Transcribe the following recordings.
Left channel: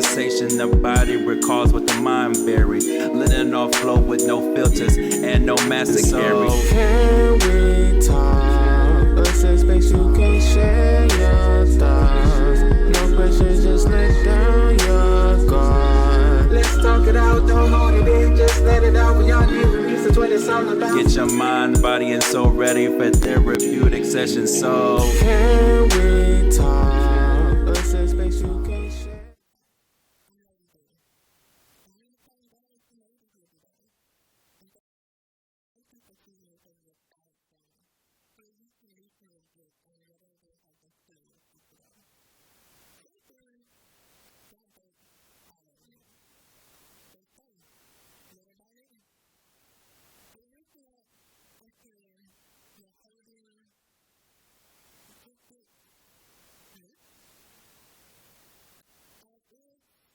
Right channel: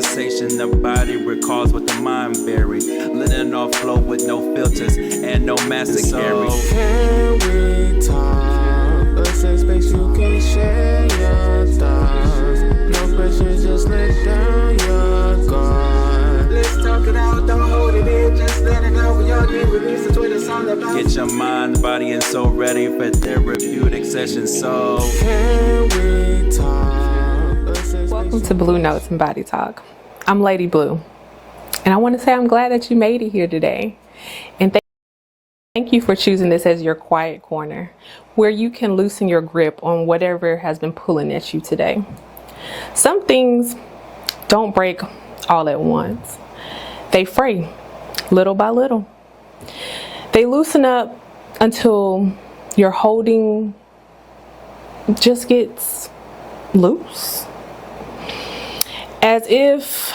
conversation the body recalls what the mind buried. Letting off flow with no filters and no master carry. Can we talk? A safe space you can share your thoughts. No pressure, just let down your guard. Let's talk it out, don't hold it in, just let it out. We all need release, that's what it's all about. Get your mind, body, and soul ready for therapeutic sessions. So can we talk? A safe space. Welcome to Blue Notes and Body Talk. I'm Lady Blue, and I want to say I'm glad that you made it here today. And thank you for choosing this as your quiet corner, where you can loosen your grip on whatever has been pulling at you today. Some things don't break all at once. They fray little by little. They loosen up until your holding just gets loose. As if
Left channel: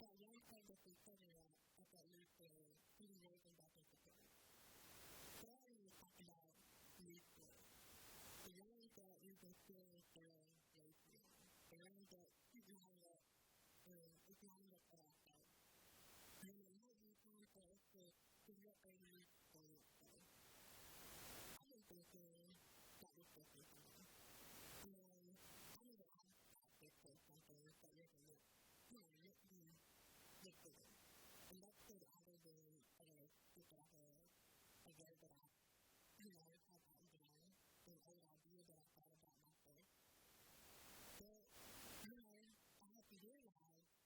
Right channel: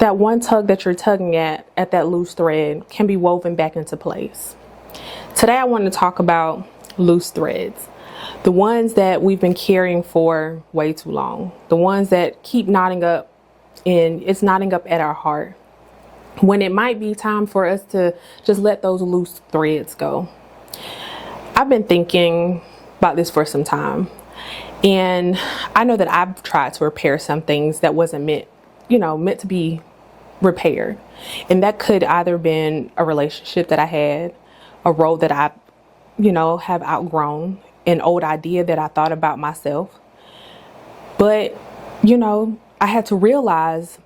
that one tug that you're tugging at that loose thread can be woven back into place. Today I want to talk about loose threads. The ones that we've been carrying for way too long. The ones that keep knotting up, and it's knotting up at our heart, when it might be time for us to just let those loose threads go. I've been thinking about this for some time, and I know that I've tried to repair some things that wasn't meant to be repaired. And that could either been a relationship that I had, a role that I, have outgrown, an old idea that I thought about myself. But, I had to realize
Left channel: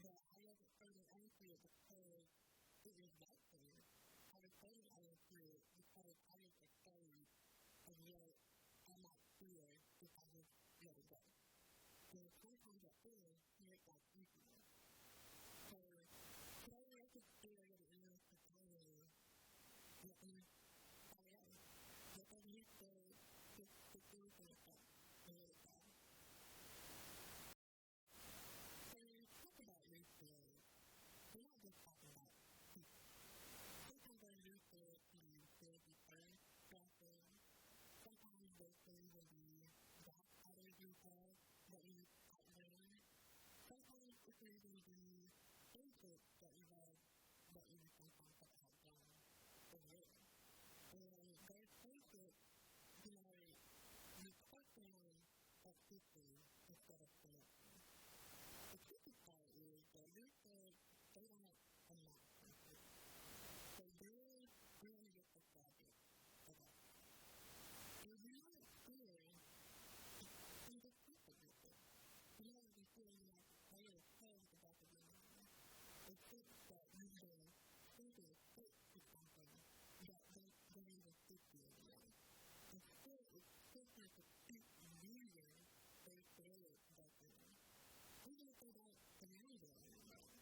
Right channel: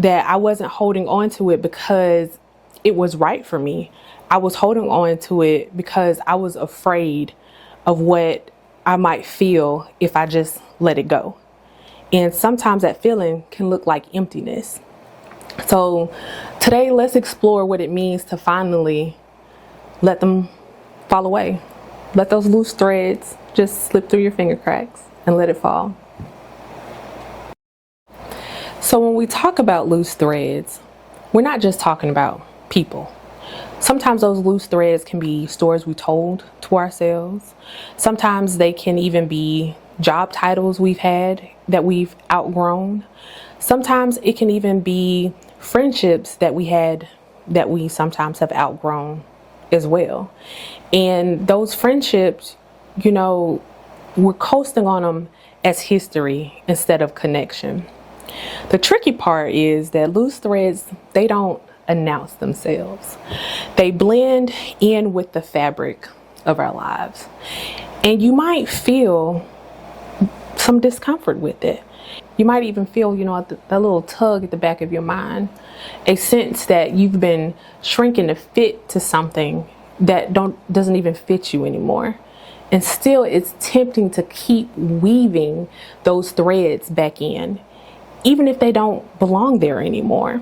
that I wasn't holding on to it because it was right for me. I was holding on to it because I was afraid of what I might feel if I just let it go. And sometimes that feeling can look like emptiness. So today, let's explore what it means to finally let them fall away. Let those loose threads just slip through your finger cracks and let it fall. So when we talk about loose threads, we're not just talking about people. Sometimes those loose threads can be stories we told to ourselves. Sometimes they can even be job titles we've had that we've outgrown. Sometimes it can even be friendships that we had that we sometimes have outgrown as well. And those friendships, we're coasting on them as history instead of connection. The tricky part is that loose threads, they don't announce themselves. They blend in with the fabric of our lives. And you might feel some discomfort with it. You might even feel, that little tug at the back of your mind, a sense that you've been shrinking to fit to something that doesn't even fit you anymore. And still it's tempting to keep weaving those threads back in, even if they don't belong there anymore.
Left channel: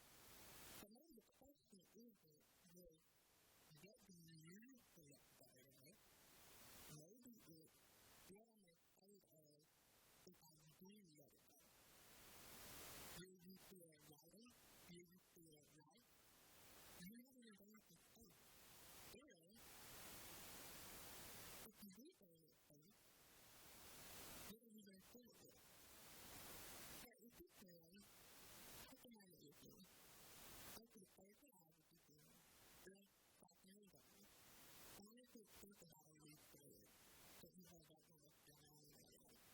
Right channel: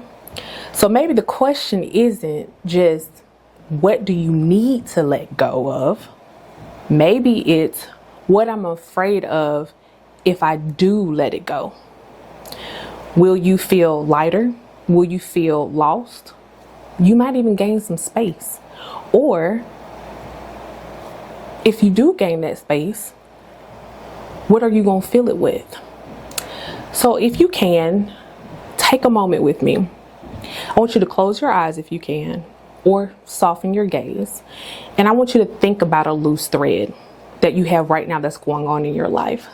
So maybe the question isn't just, what do you need to let go of? Maybe it's, what I'm afraid of if I do let it go. Will you feel lighter? Will you feel lost? You might even gain some space. Or if you do gain that space, what are you going to fill it with? So if you can, take a moment with me. I want you to close your eyes if you can, or soften your gaze. And I want you to think about a loose thread that you have right now that's going on in your life.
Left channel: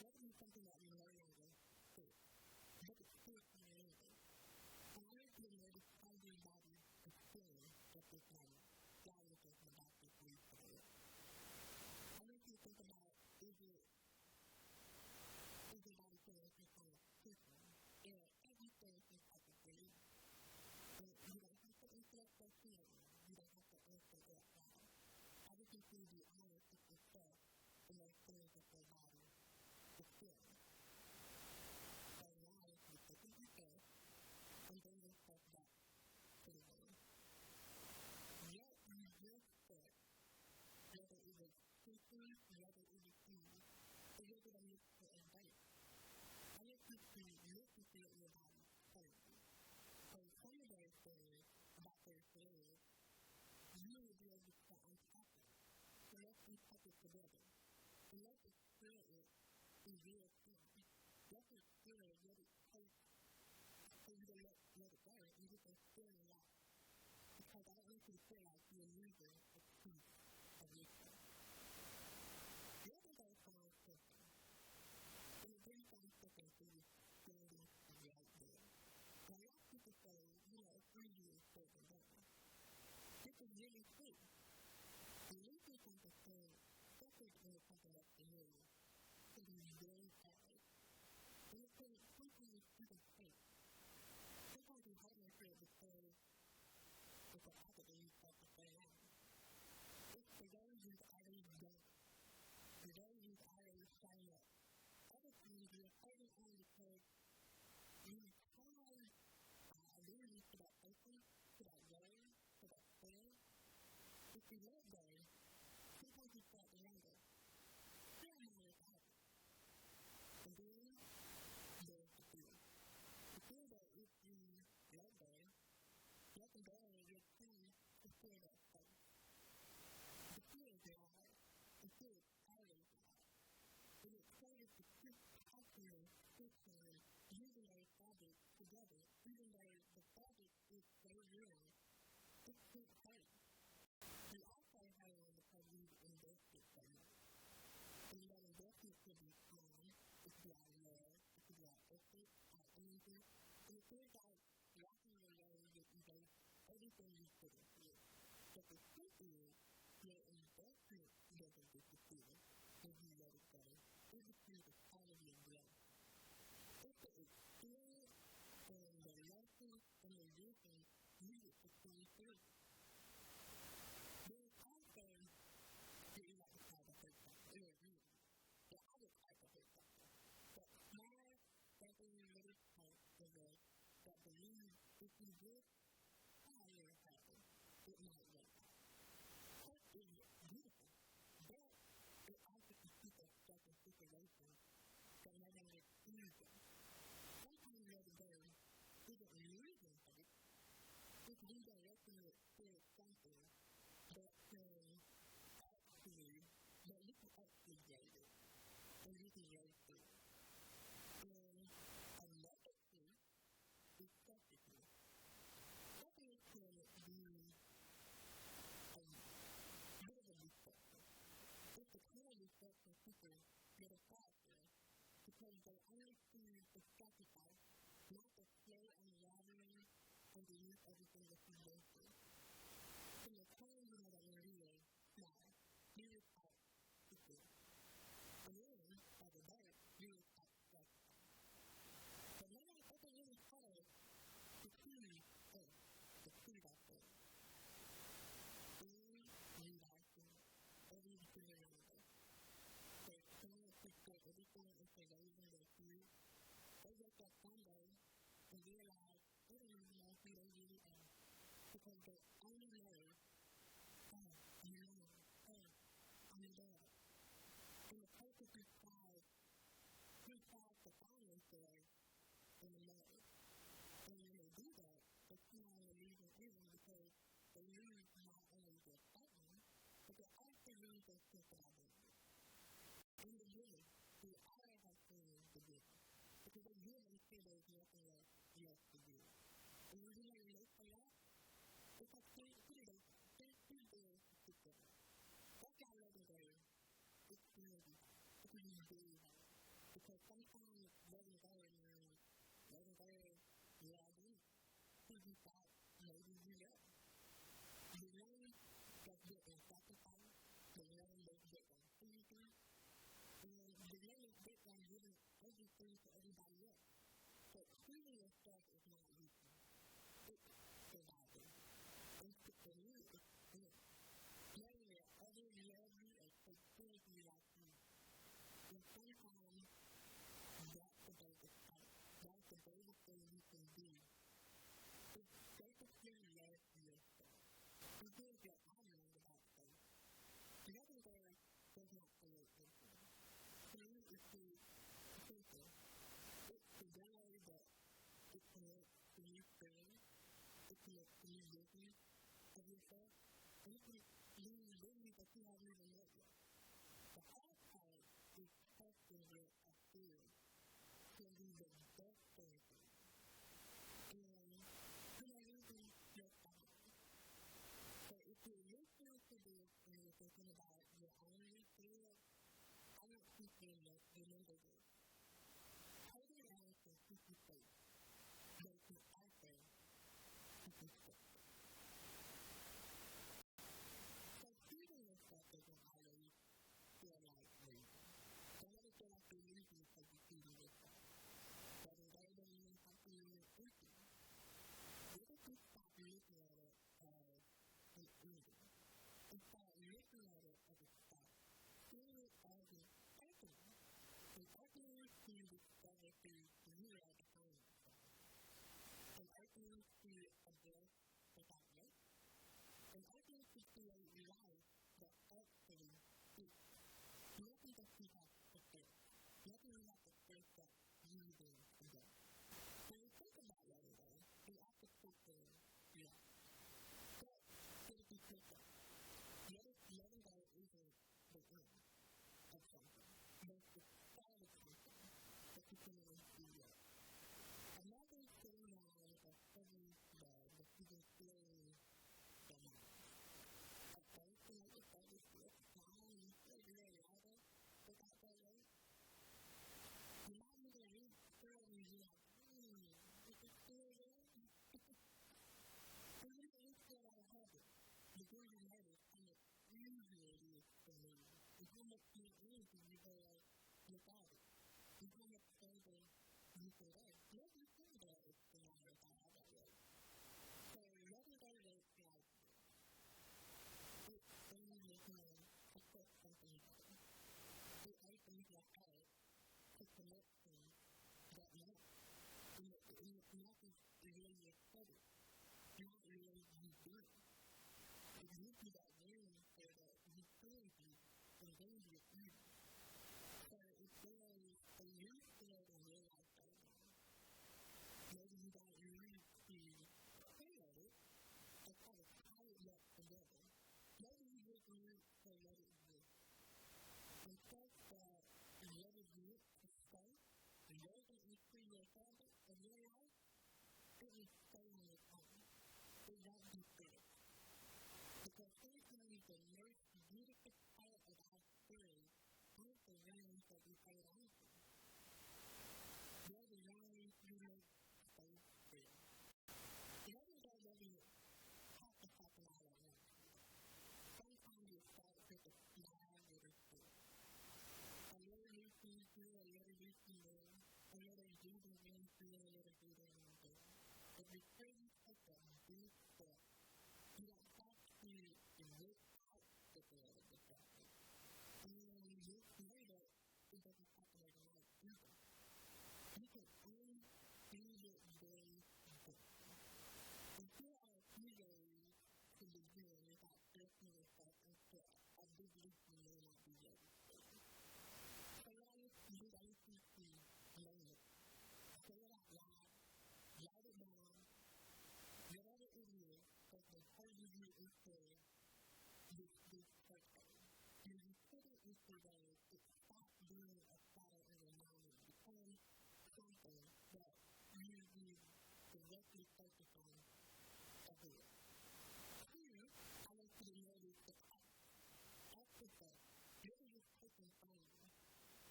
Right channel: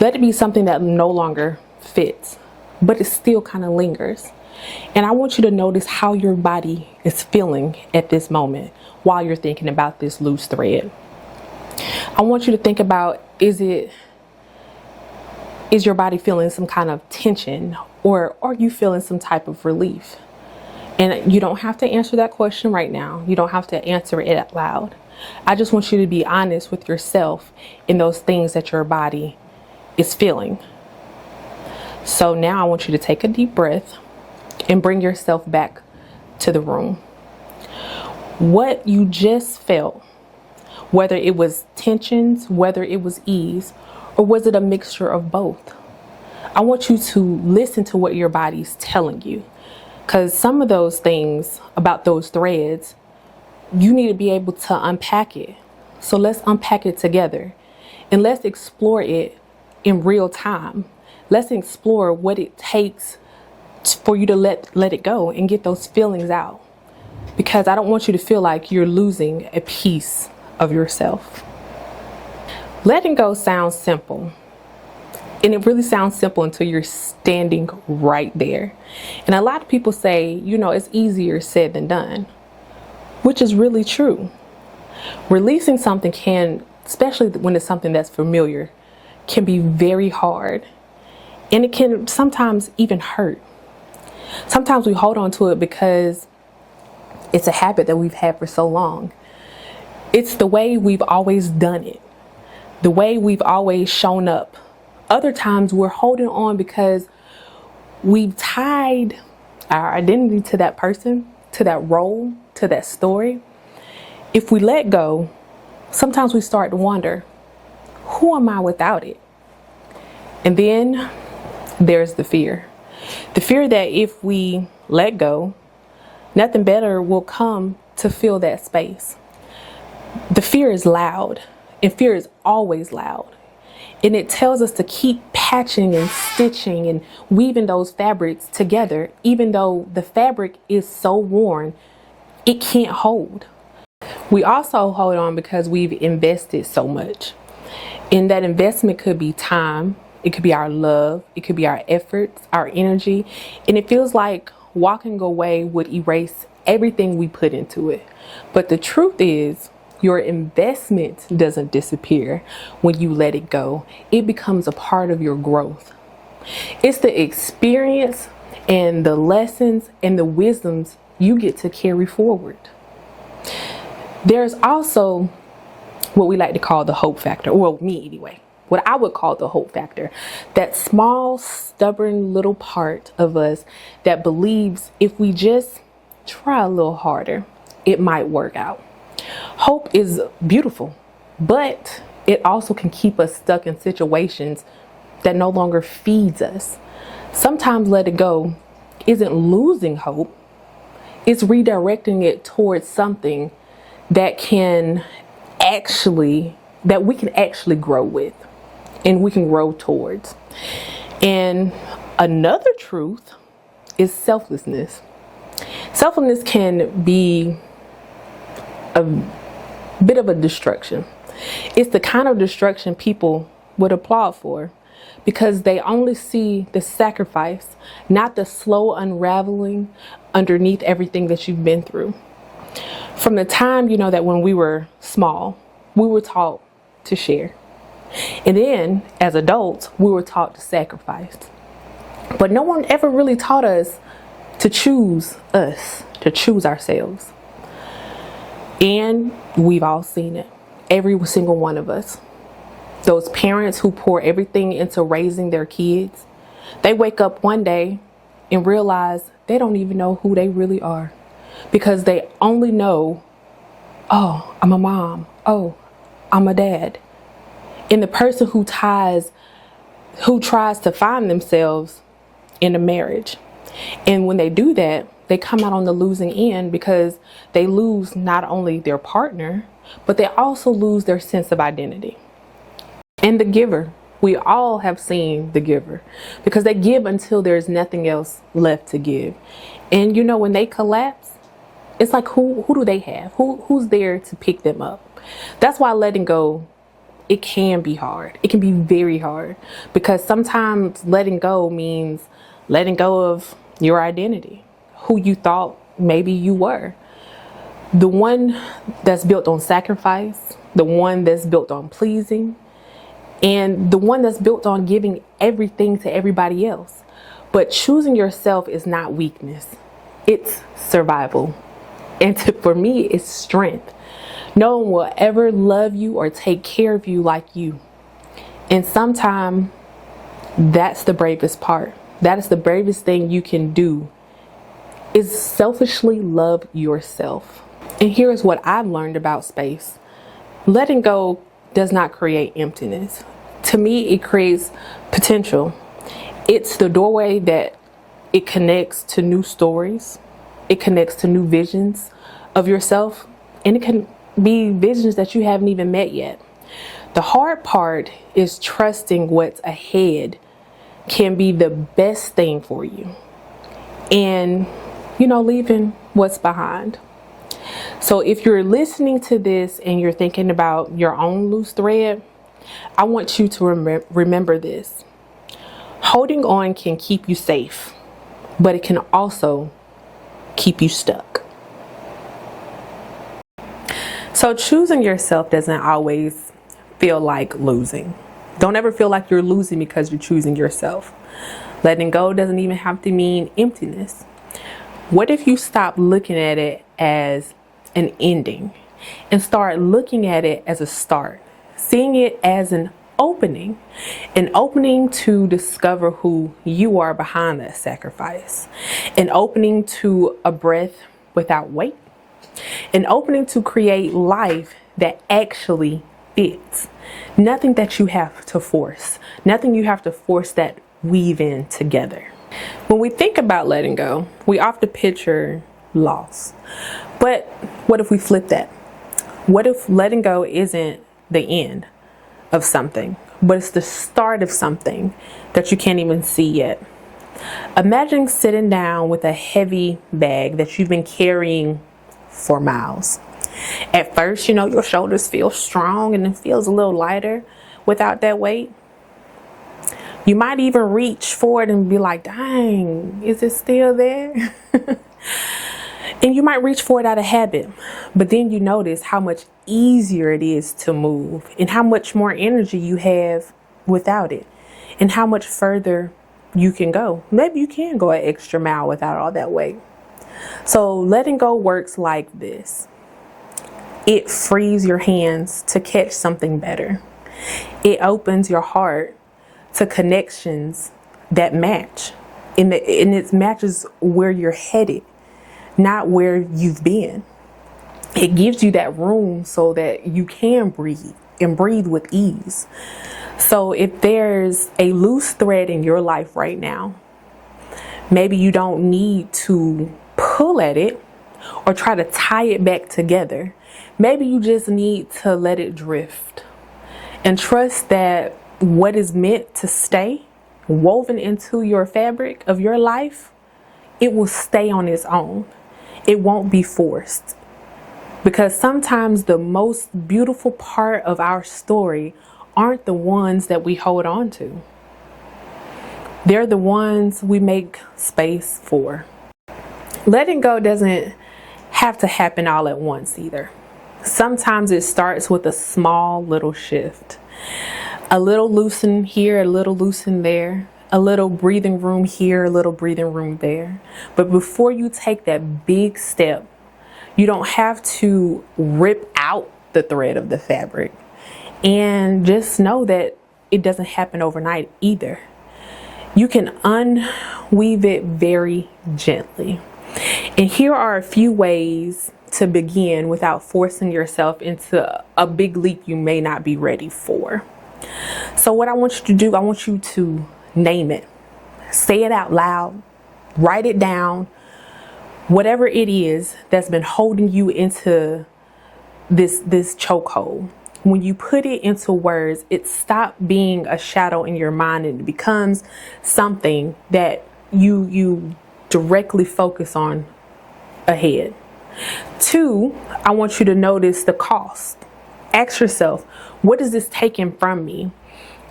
Let it be something that no longer fits, but it still kind of lingers. And I want you to notice how your body is feeling at this moment while you're thinking about this loose thread. I want you to think about, is your body feeling some kind of tension, or are you feeling some type of relief? And you don't have to answer that question right now. You don't have to answer it out loud. I just want you to be honest with yourself in those things that your body is feeling. So now I want you to take a deep breath and bring yourself back to the room. What you just felt, whether it was tensions, whether it was ease, or was it a mixture of both? I want you to listen to what your body's telling you, because some of those things about those threads, you need to be able to unpack it. So let's unpack it together and let's explore it in real time. let's explore what it takes for you to let it go and get those feelings out. Because I don't want you to feel like you're losing a piece of yourself. Letting go sounds simple. And it really sounds simple until you're standing right there. And a lot of people say, you know, it's easier said than done, which is really true. Releasing something can, especially when it's something that's familiar, can be very hard. And it can sometimes even hurt. Sometimes we hold on to it because it's a habit that we've had for so long. It's the way we've always done it, the way we've always shown up. Other times we're holding on because we've tied our identity to that person, to that role, to that story. If we let go, sometimes we start to wonder, who am I without it? And then there's the fear. The fear that if we let go, nothing better will come to fill that space. The fear is loud, and fear is always loud. And it tells us to keep patching and stitching and weaving those fabrics together, even though the fabric is so worn, it can't hold. We also hold on because we've invested so much. And that investment could be time, it could be our love, it could be our efforts, our energy. And it feels like walking away would erase everything we put into it. But the truth is, your investment doesn't disappear when you let it go. It becomes a part of your growth. It's the experience and the lessons and the wisdoms you get to carry forward. There's also what we like to call the hope factor, well, me anyway, what I would call the hope factor. That small, stubborn little part of us that believes if we just try a little harder, it might work out. Hope is beautiful, but it also can keep us stuck in situations that no longer feeds us. Sometimes let it go isn't losing hope, it's redirecting it towards something that we can actually grow with and we can grow towards. And another truth is selflessness. Selflessness can be a bit of a destruction. It's the kind of destruction people would applaud for because they only see the sacrifice, not the slow unraveling underneath everything that you've been through. From the time, that when we were small, we were taught to share. And then as adults, we were taught to sacrifice. But no one ever really taught us to choose us, to choose ourselves. And we've all seen it, every single one of us. Those parents who pour everything into raising their kids, they wake up one day and realize they don't even know who they really are because they only know, oh, I'm a mom, oh, I'm a dad. And the person who tries to find themselves in a marriage. And when they do that, they come out on the losing end because they lose not only their partner, but they also lose their sense of identity. And the giver, we all have seen the giver because they give until there's nothing else left to give. And when they collapse, it's like who do they have? Who's there to pick them up? That's why letting go, it can be hard. It can be very hard because sometimes letting go means letting go of your identity, who you thought maybe you were. The one that's built on sacrifice, the one that's built on pleasing, and the one that's built on giving everything to everybody else. But choosing yourself is not weakness, it's survival. And for me, it's strength. No one will ever love you or take care of you like you. And sometimes that's the bravest part. That is the bravest thing you can do, is selfishly love yourself. And here's what I've learned about space. Letting go does not create emptiness. To me, it creates potential. It's the doorway that it connects to new stories. It connects to new visions of yourself. And it can be visions that you haven't even met yet. The hard part is trusting what's ahead can be the best thing for you. And, leaving what's behind. So if you're listening to this and you're thinking about your own loose thread, I want you to remember this. Holding on can keep you safe, but it can also keep you stuck. So choosing yourself doesn't always feel like losing. Don't ever feel like you're losing because you're choosing yourself. Letting go doesn't even have to mean emptiness. What if you stop looking at it as an ending and start looking at it as a start, seeing it as an opening to discover who you are behind that sacrifice, an opening to a breath without weight, an opening to create life that actually fits. Nothing that you have to force, nothing you have to force that weave in together. When we think about letting go, we often picture loss. But what if we flip that? What if letting go isn't the end of something, but it's the start of something that you can't even see yet? Imagine sitting down with a heavy bag that you've been carrying for miles. At first, your shoulders feel strong and it feels a little lighter without that weight. You might even reach for it and be like, dang, is it still there? And you might reach for it out of habit, but then you notice how much easier it is to move and how much more energy you have without it and how much further you can go. Maybe you can go an extra mile without all that weight. So letting go works like this. It frees your hands to catch something better. It opens your heart to connections that match. And it matches where you're headed, not where you've been. It gives you that room so that you can breathe and breathe with ease. So if there's a loose thread in your life right now, maybe you don't need to pull at it or try to tie it back together. Maybe you just need to let it drift and trust that what is meant to stay woven into your fabric of your life, it will stay on its own. It won't be forced. Because sometimes the most beautiful part of our story aren't the ones that we hold on to. They're the ones we make space for. Letting go doesn't have to happen all at once either. Sometimes it starts with a small little shift. A little loosen here, a little loosen there, a little breathing room here, a little breathing room there. But before you take that big step, you don't have to rip out the thread of the fabric. And just know that it doesn't happen overnight either. You can unweave it very gently. And here are a few ways to begin without forcing yourself into a big leap you may not be ready for. So what I want you to do, I want you to name it. Say it out loud. Write it down. Whatever it is that's been holding you into this chokehold. When you put it into words, it stops being a shadow in your mind and it becomes something that you directly focus on ahead. 2, I want you to notice the cost. Ask yourself, what is this taking from me?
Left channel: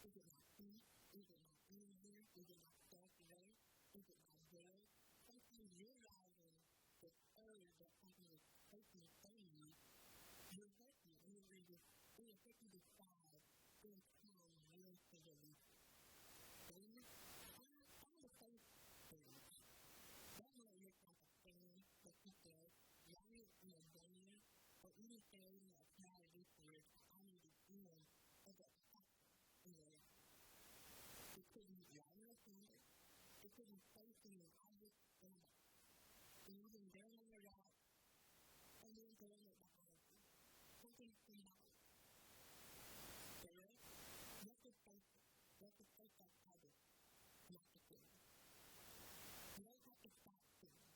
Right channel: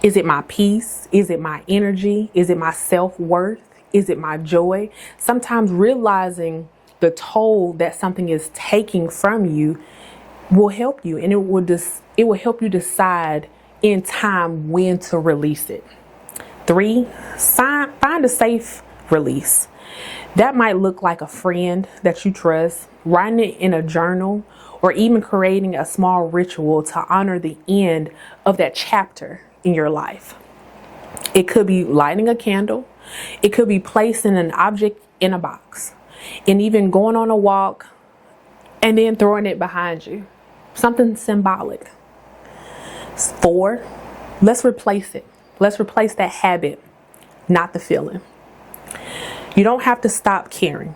Is it my peace? Is it my energy? Is it my self-worth? Is it my joy? Sometimes realizing the toll that something is taking from you will help you, and it will help you decide in time when to release it. 3, find a safe release. That might look like a friend that you trust, writing it in a journal, or even creating a small ritual to honor the end of that chapter in your life. It could be lighting a candle. It could be placing an object in a box, and even going on a walk and then throwing it behind you. Something symbolic. 4, let's replace it. Let's replace that habit, not the feeling. You don't have to stop caring.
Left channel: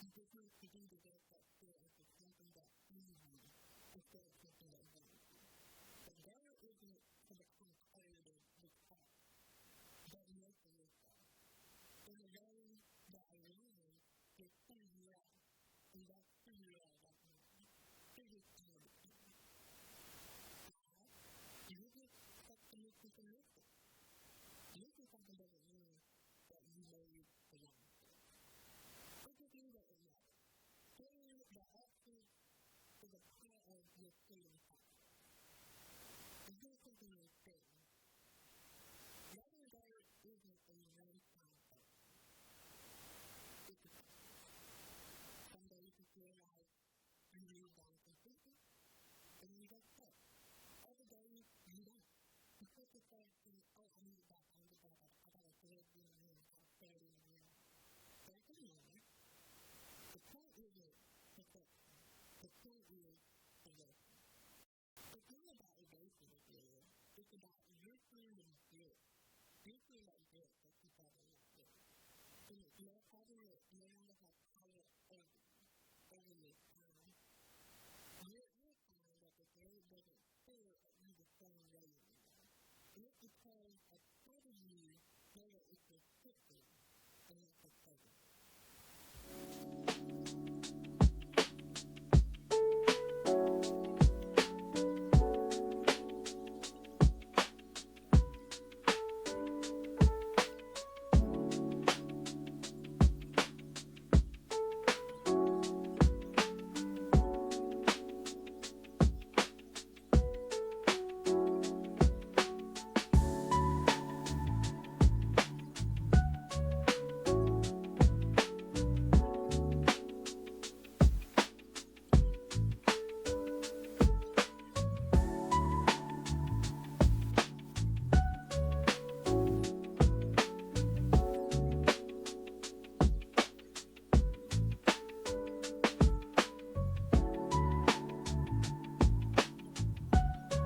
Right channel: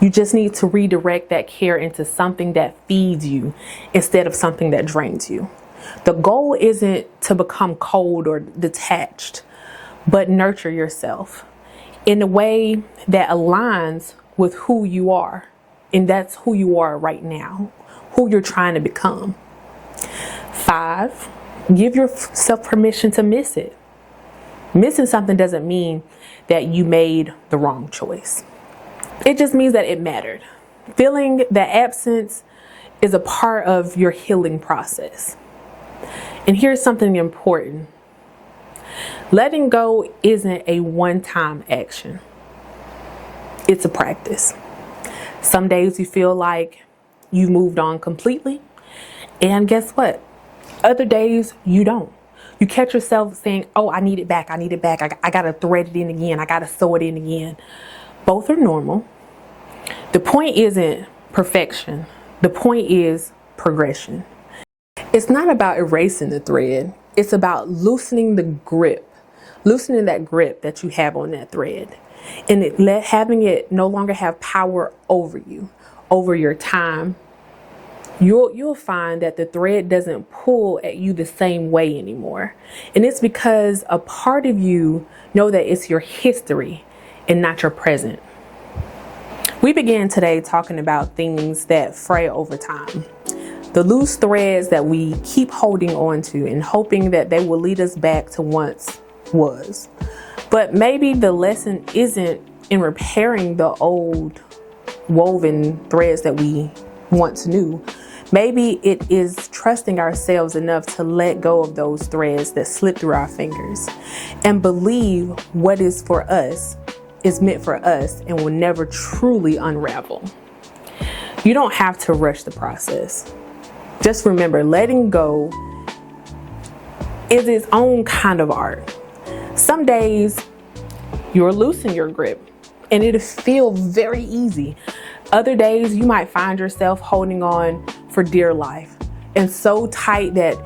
You just need to redirect that care into something that feeds you instead of something that drains you. The goal isn't to become cold or detached, but nurture yourself in a way that aligns with who you are. And that's who you are right now, who you're trying to become. 5, give yourself permission to miss it. Missing something doesn't mean that you made the wrong choice. It just means that it mattered. Feeling that absence is a part of your healing process. And here's something important. Letting go isn't a one-time action. It's a practice. Some days you feel like you moved on completely, and guess what? Other days you don't. You catch yourself saying, oh, I need it back. I gotta thread it in again. I gotta sew it in again. Both are normal. The point isn't perfection. The point is progression. It's not about erasing the thread. It's about loosening that grip that you have on that thread, and having it no longer have power over you, over your time. You'll find that the thread doesn't pull at you the same way anymore. And it's because a part of you know that it's your history and not your present. We began today talking about things that fray over time. The loose threads that we keep holding on to and hoping that they will lead us back to once was. But maybe the lesson isn't in repairing the old woven threads that we once knew. Maybe it is trusting ourselves enough to let go of those threads that slip through our fingers and believe what is for us is meant for us and will never truly unravel. You don't have to rush the process. Just remember, letting go is its own kind of art. Some days you'll loosen your grip and it'll feel very easy. Other days you might find yourself holding on for dear life and so tight that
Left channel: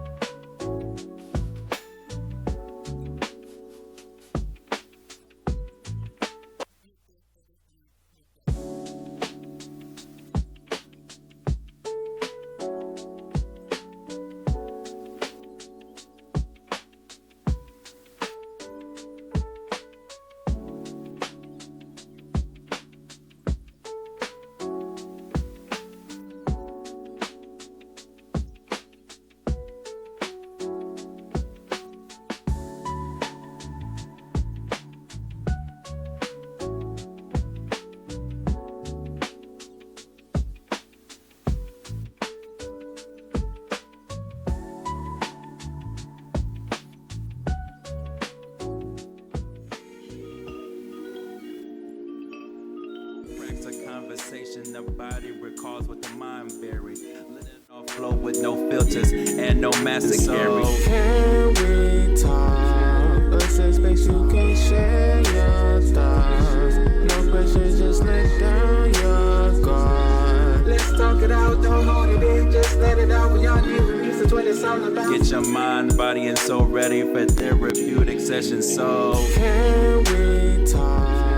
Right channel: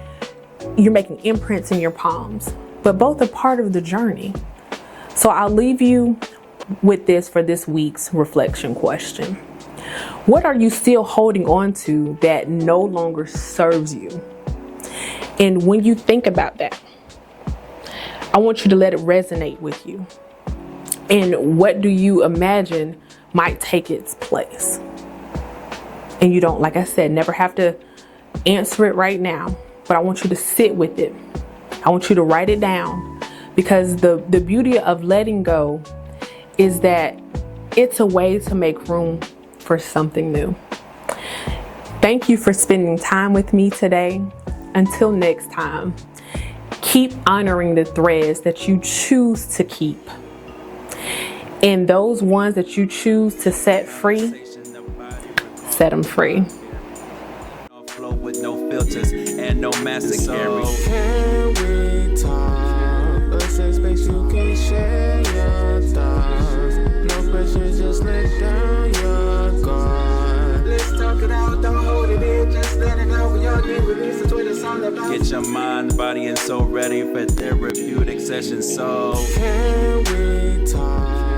you're making imprints in your palms. But both are part of the journey. So I'll leave you with this for this week's reflection question. What are you still holding on to that no longer serves you? And when you think about that, I want you to let it resonate with you. And what do you imagine might take its place? And you don't, like I said, never have to answer it right now, but I want you to sit with it. I want you to write it down, because the beauty of letting go is that it's a way to make room for something new. Thank you for spending time with me today. Until next time, keep honoring the threads that you choose to keep. And those ones that you choose to set free, set them free. Flow with no filters and no mask to carry. Can we talk? A safe space you can share your thoughts. No pressure, just let down your guard. Let's talk it out, don't hold it in, just let it out. We all need release, it's what it's all about. Get your mind, body, and soul ready for therapeutic sessions. So can we talk?